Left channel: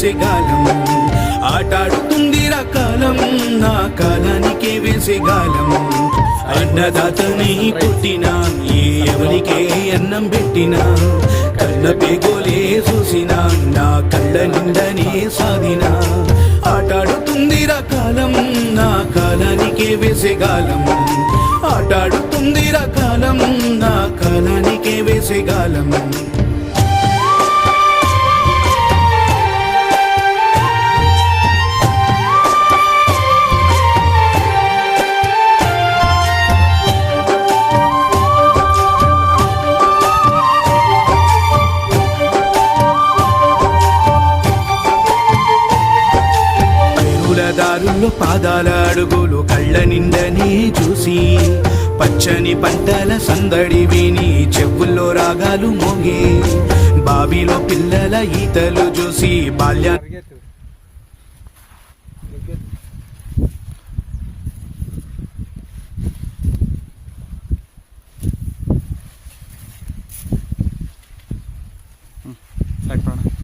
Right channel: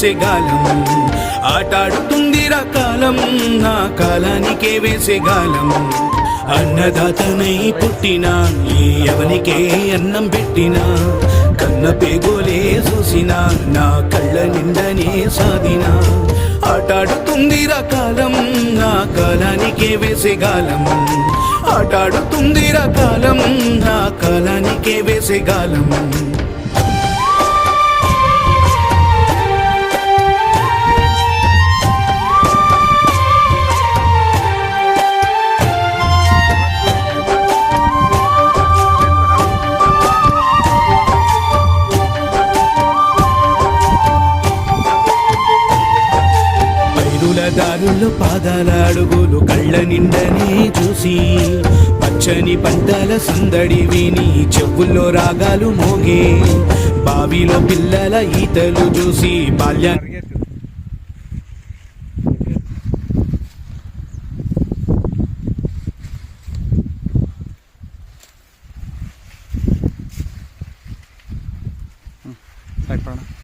వేసేగాలం ఆటాడుతుందిరా కాలం నా కాలానికే వేసేగాలం అన్నదాతనై పుట్టినా ఏ ఎవరికే అన్నం పెట్టినా కన్న పేగోలే చూసినా నా కళ్ళ నిందనే సాధినా ఆటాడుతుందిరా కాలం నా కాలానికే వేసేగాలం ఆటాడుతుందిరా కాలం నా కాలానికే వేసేగాలం దారుల్లో పాదాల అడుగులు కళ్ళ నిండని చూసి పచ్చని పంటల సందడి విని చెవుల్లో రాగాలు మోగే బావిలో పిల్లల ఈతలు చూసి బాల్య